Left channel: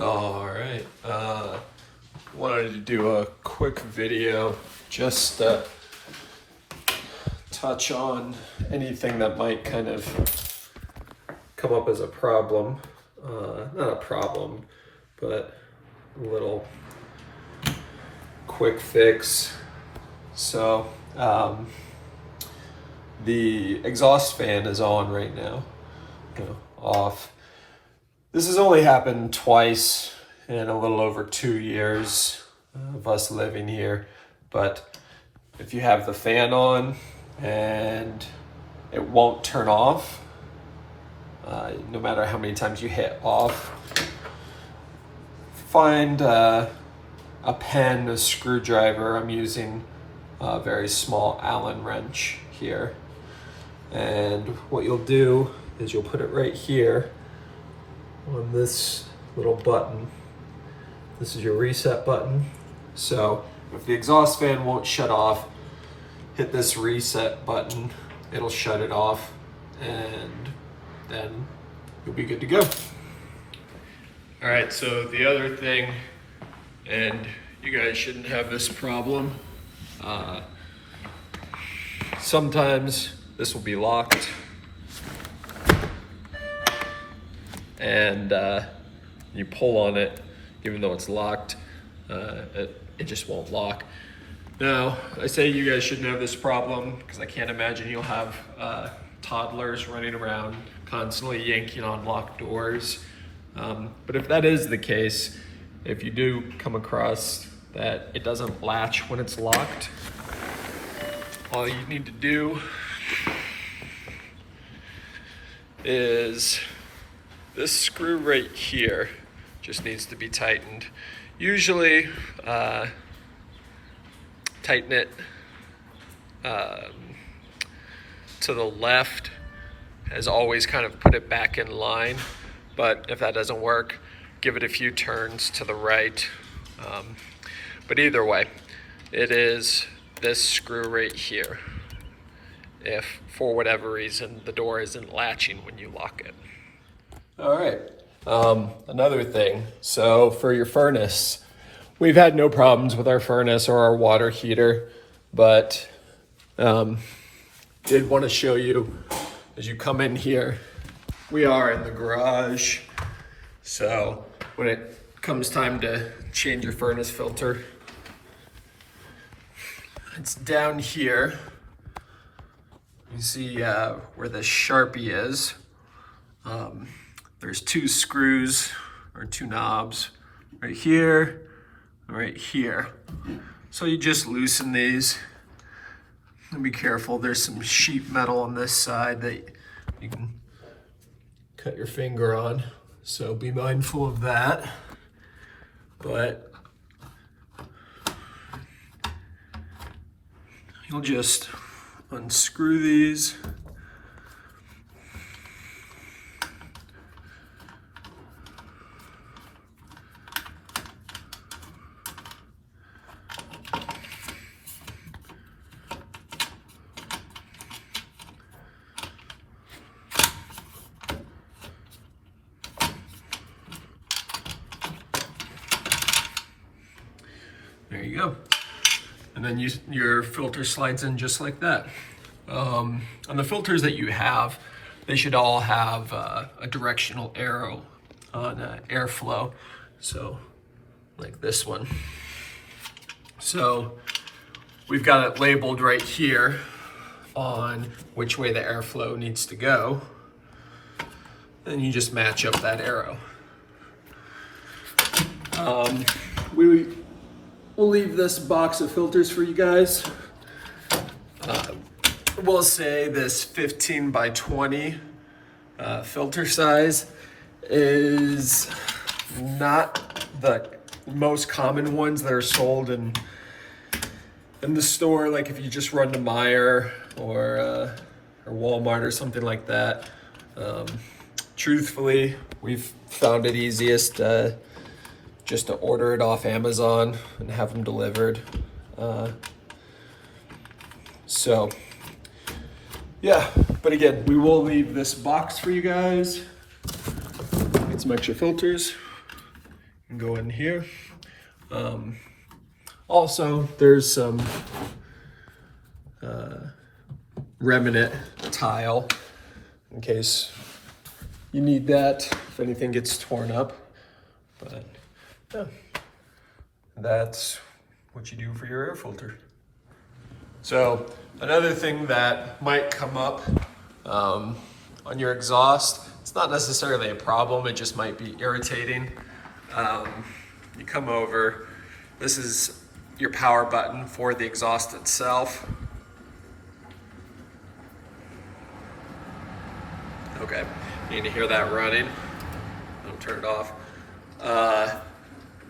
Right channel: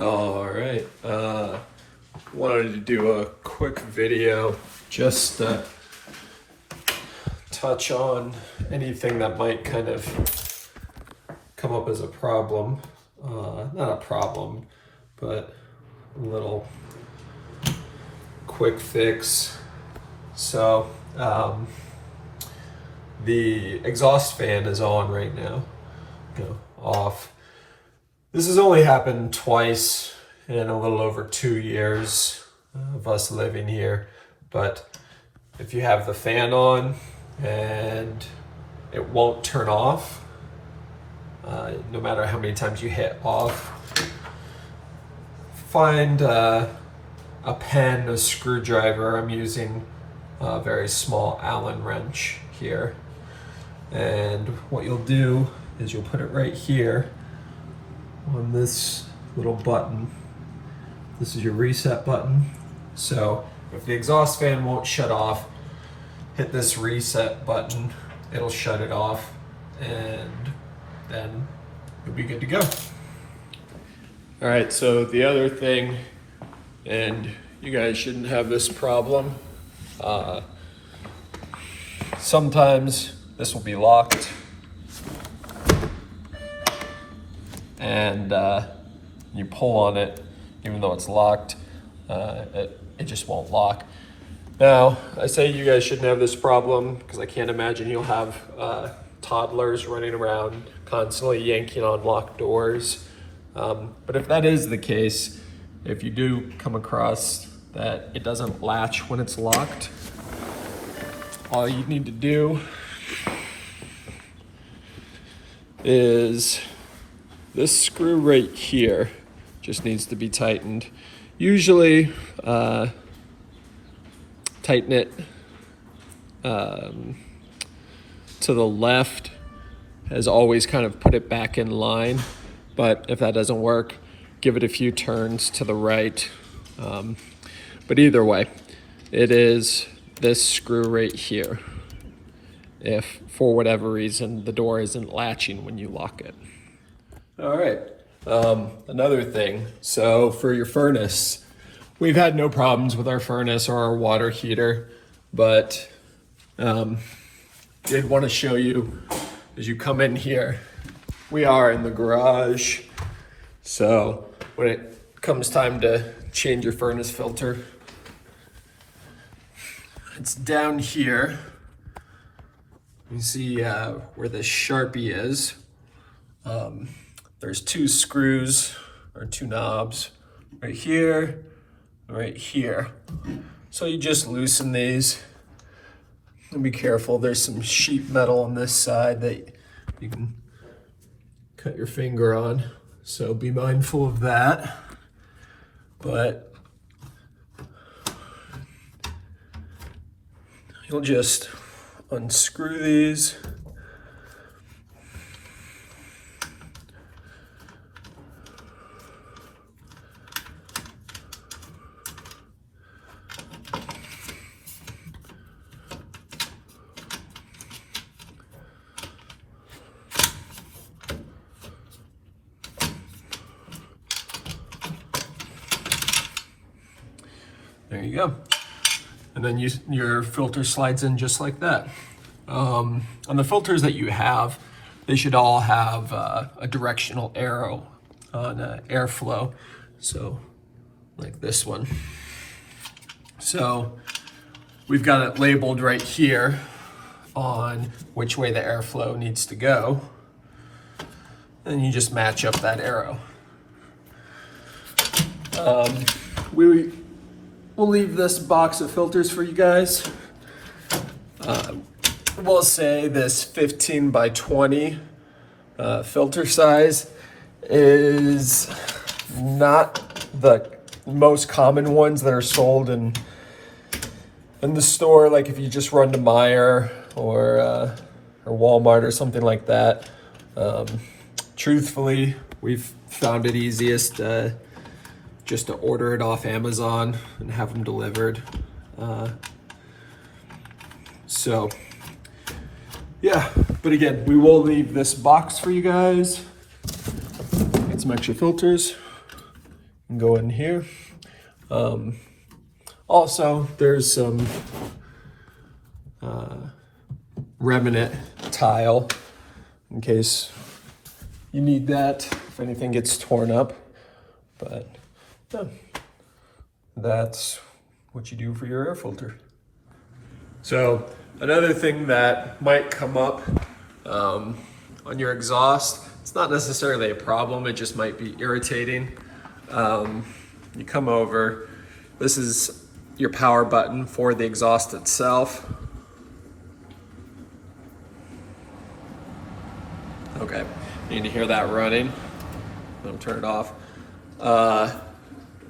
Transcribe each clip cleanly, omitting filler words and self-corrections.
All right. Wanted to do a quick video just to touch on anything that might kind of come up as a problem. Not a problem, but a little quick fix. So, the exhaust fan is on right now, off. This has only happened twice in a little over 2 years of us living here. But if you have the fan on and it won't turn off, no matter how many times you hit off, find a pen, a screwdriver. I'm using a very small Allen wrench here. And what you'll do is you'll put it right here on this little button. This is your reset button. So if the exhaust fan won't shut off, hit this reset button, it'll shut it off, and then you'll be good to go. All right, so the other thing, and you guys shouldn't have this problem, sometimes this will be locked, and you pull on it, even though it's locked, it just won't lock. Now, I say you guys shouldn't have this problem because I can't imagine you'll have toddlers running around constantly yanking on locked doors. But if that is the case, if you do come across that it doesn't latch when it's locked, all you need to do is this screw right here just needs to be tightened. Usually, tighten it to the left, as always kind of put it back in line. But if that doesn't work, give it a few turns to the right. But either way, it is this screw right here, if for whatever reason the door isn't latching when you lock it. All right, another thing, so for your furnace, we've had no problems with our furnace or our water heater, but did want to show you as you come in here. We are in the garage, so when it comes time to change your furnace filter, it's down here. You see where the Sharpie is. There's two screws or two knobs right here, right here. So you just loosen these and be careful. There's some sheet metal on this side that you can cut your finger on. So be mindful of that. But you'll just unscrew these. There you go. And then your filter slides in just like that. On the filters that you have, they should all have a directional arrow on airflow. So like this one. So we've got it labeled right here on which way the airflow needs to go. And you just match up that arrow. We'll leave this box of filters for you guys. We'll say this 15 by 20 filter size is not the most common ones that are sold in the store. Like if you just run to Meijer or Walmart or something like that. Truthfully, we've found it easiest just to order it off Amazon and have them delivered. So yeah, but again, we will leave this box for you guys. Get some extra filters. and go in here. Also, there's some remnant tile in case you need that if anything gets torn up. But yeah, that's what you do for your air filter. So another thing that might come up on your exhaust, it's not necessarily a problem, it just might be irritating. You come over, this is your power button for the exhaust itself. Okay, you need to hear that running. I'll turn it off.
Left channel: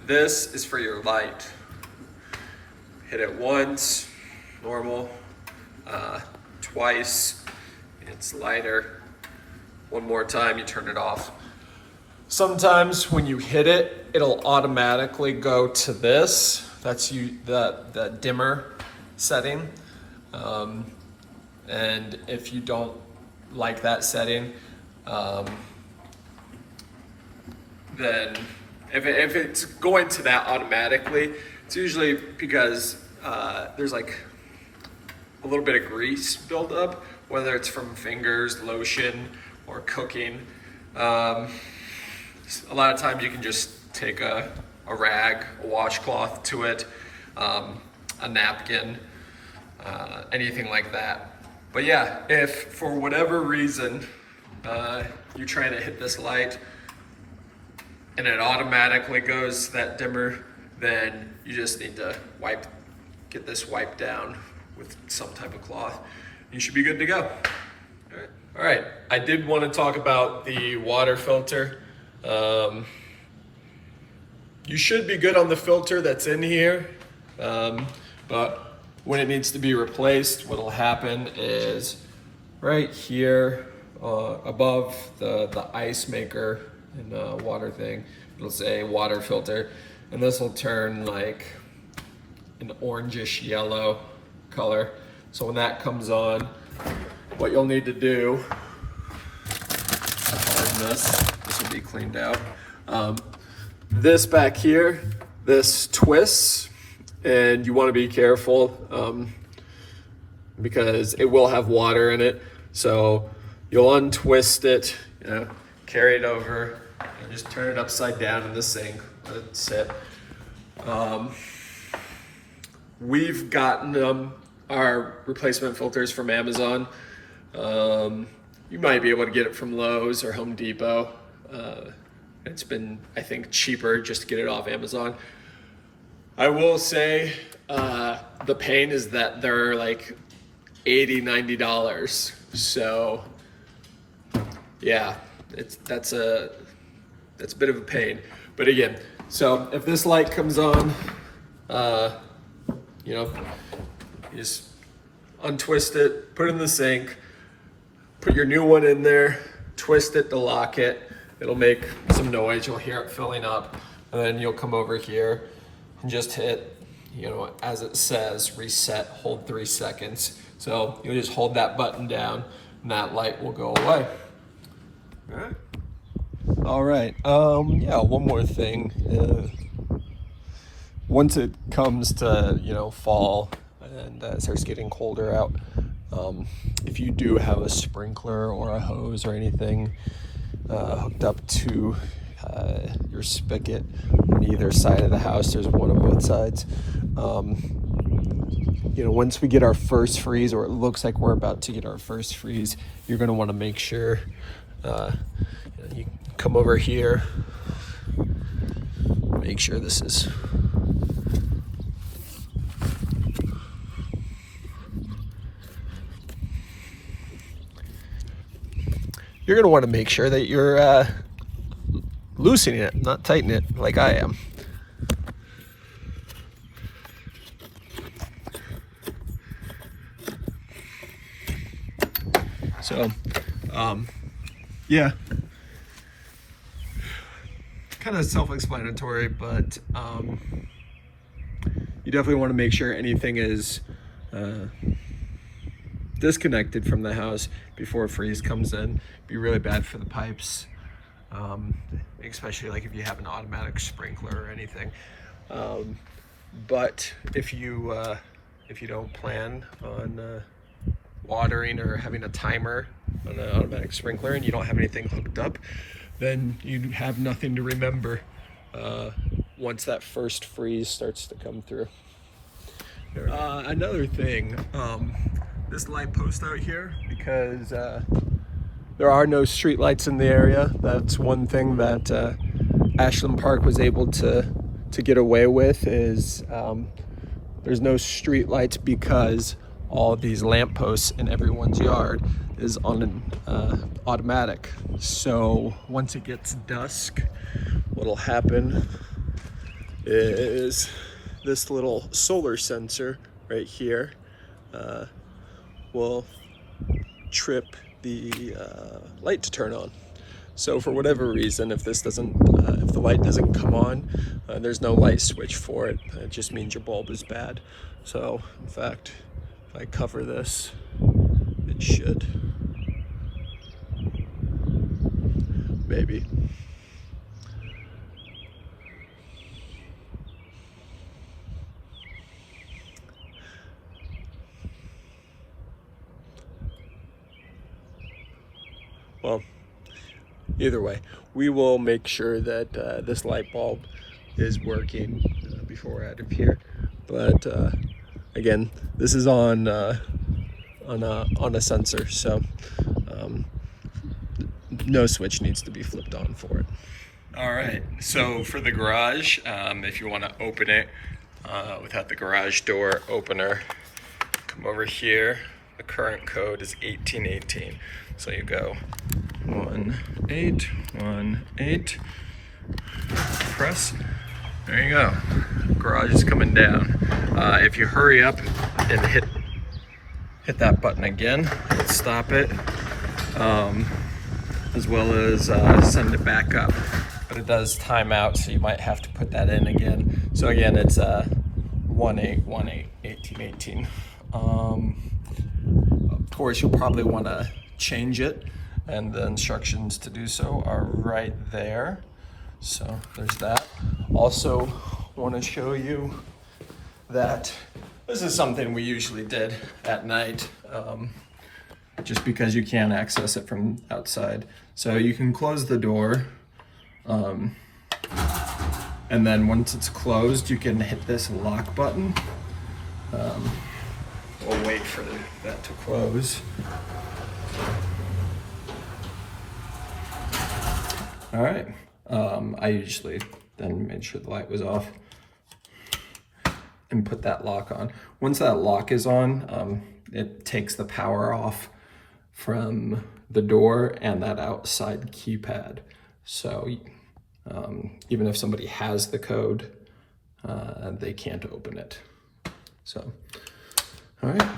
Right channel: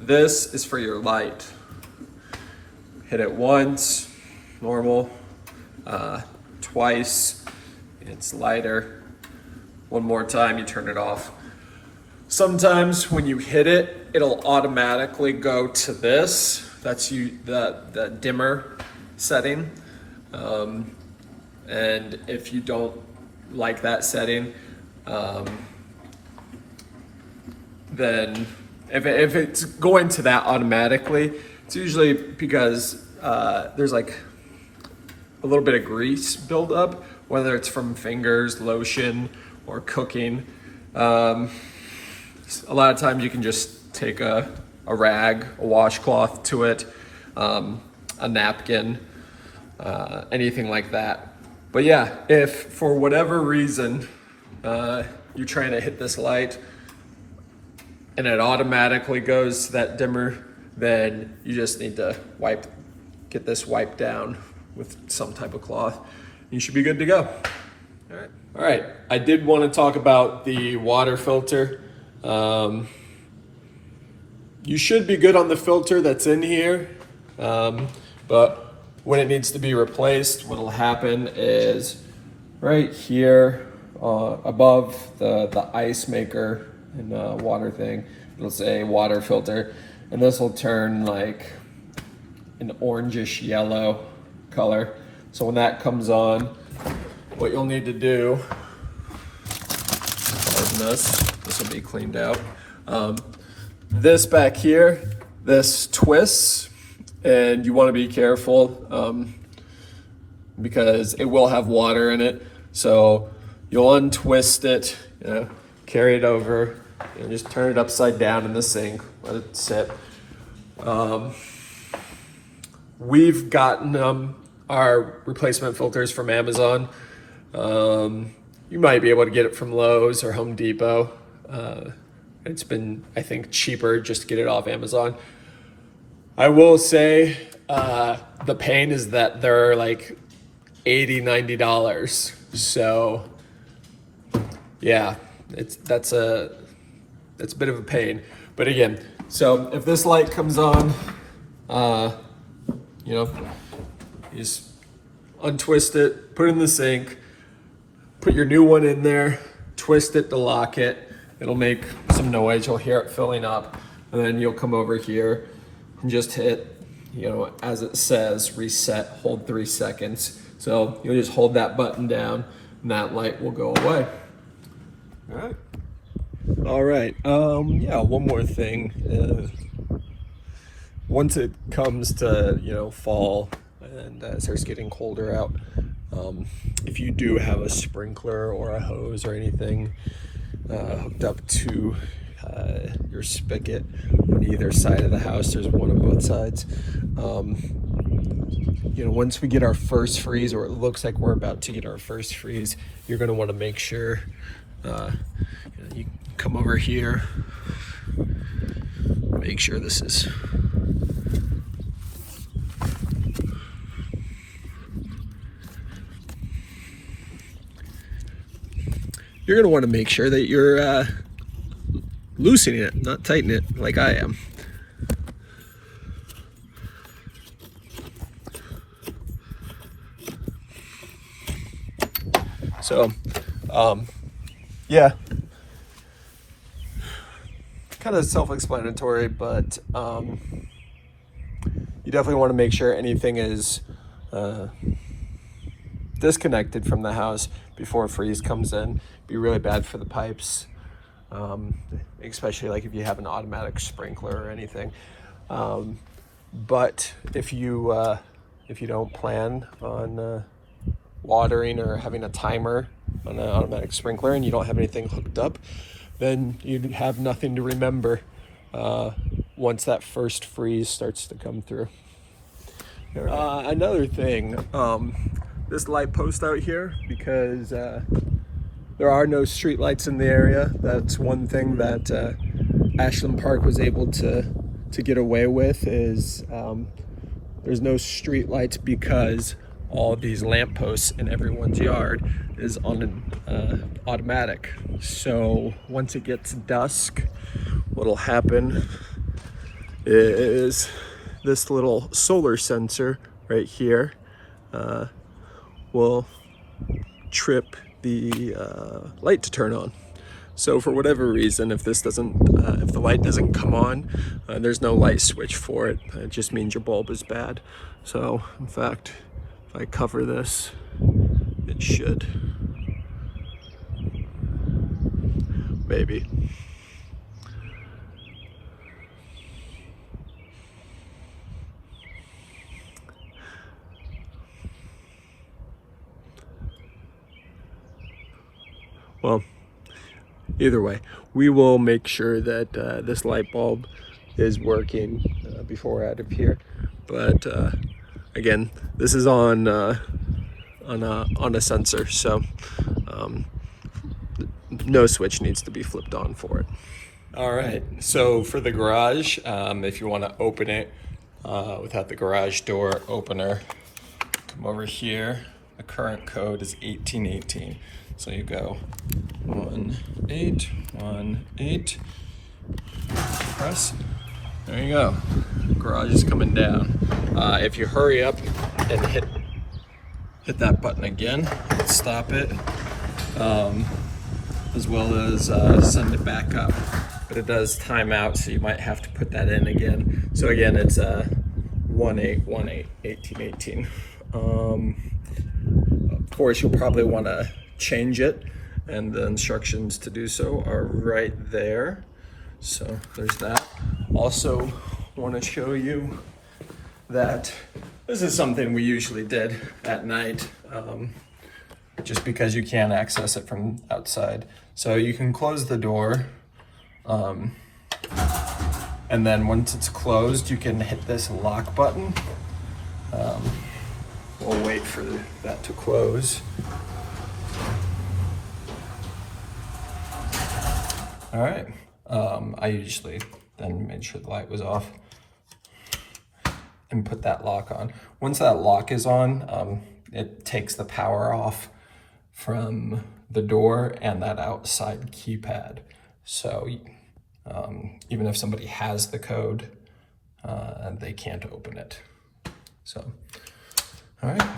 This is for your light. Hit it once, normal, twice, it's lighter. One more time, you turn it off. Sometimes when you hit it, it'll automatically go to this. That's the dimmer setting. And if you don't like that setting, then if it's going to that automatically, it's usually because there's like a little bit of grease buildup, whether it's from fingers, lotion, or cooking. A lot of times you can just take a rag, a washcloth to it, a napkin, anything like that. But yeah, if for whatever reason you're trying to hit this light and it automatically goes to that dimmer, then you just need to get this wiped down with some type of cloth. You should be good to go. All right, I did want to talk about the water filter. You should be good on the filter that's in here, but when it needs to be replaced, what'll happen is right here above the ice maker and the water thing, it'll say water filter, and this will turn like an orangish yellow color. So when that comes on, what you'll need to do, this will be cleaned out. This back here, this twists, and you want to be careful because it will have water in it. So you'll untwist it, carry it over, and just turn it upside down in the sink, let it sit. We've gotten our replacement filters from Amazon. You might be able to get it from Lowe's or Home Depot. It's been, I think, cheaper just to get it off Amazon. I will say the pain is that they're like $80, $90. So yeah, that's a bit of a pain. But again, so if this light comes on, you just untwist it, put it in the sink, put your new one in there, twist it to lock it. It'll make some noise, you'll hear it filling up, and then you'll come over here and just hit, as it says, reset, hold 3 seconds. So you'll just hold that button down and that light will go away. All right. Yeah, one more thing. Once it comes to, fall and it starts getting colder out, if you do have a sprinkler or a hose or anything hooked up to your spigot on either side of the house, there's one on both sides. Once we get our first freeze, or it looks like we're about to get our first freeze, you're going to want to make sure you come over here, make sure this is you're going to want to make sure that you're loosening it, not tightening it like I am. So, yeah, kind of self-explanatory, but you definitely want to make sure anything is disconnected from the house before a freeze comes in. Be really bad for the pipes. especially like if you have an automatic sprinkler or anything. But if you don't plan on watering or having a timer on an automatic sprinkler and you don't have anything hooked up, then you have nothing to remember once that first freeze starts to come through. Another thing, this light post out here, because there are no street lights in the area. That's one thing that Ashland Park was able to get away with, is there's no street lights because all of these lampposts in everyone's yard is on an automatic. So once it gets dusk, what'll happen is this little solar sensor right here will trip the light to turn on. So for whatever reason, if this doesn't, if the light doesn't come on, there's no light switch for it. It just means your bulb is bad. So in fact, if I cover this, it should. Maybe. Well, either way, we will make sure that this light bulb is working before we're out of here. But again, this is on a sensor, so no switch needs to be flipped on for it. All right, so for the garage, if you want to open it without the garage door opener, come over here. The current code is 1818. So you go 1818, press, there you go. Garage is coming down. If you hurry up and hit that button again, stop it, as well as send it back up. But it does time out, so you might have to put that in again. So again, it's 1818, 1818. Of course, you'll probably want to change it, and the instructions to do so are right there. So there's that. Also want to show you that this is something we usually did at night, just because you can't access it from outside. So you can close the door, and then once it's closed, you can hit this lock button. We'll wait for that to close. All right, I usually then made sure the light was off and put that lock on. Once that lock is on, it takes the power off from the door and that outside keypad. So even if somebody has the code, they can't open it. So, all right.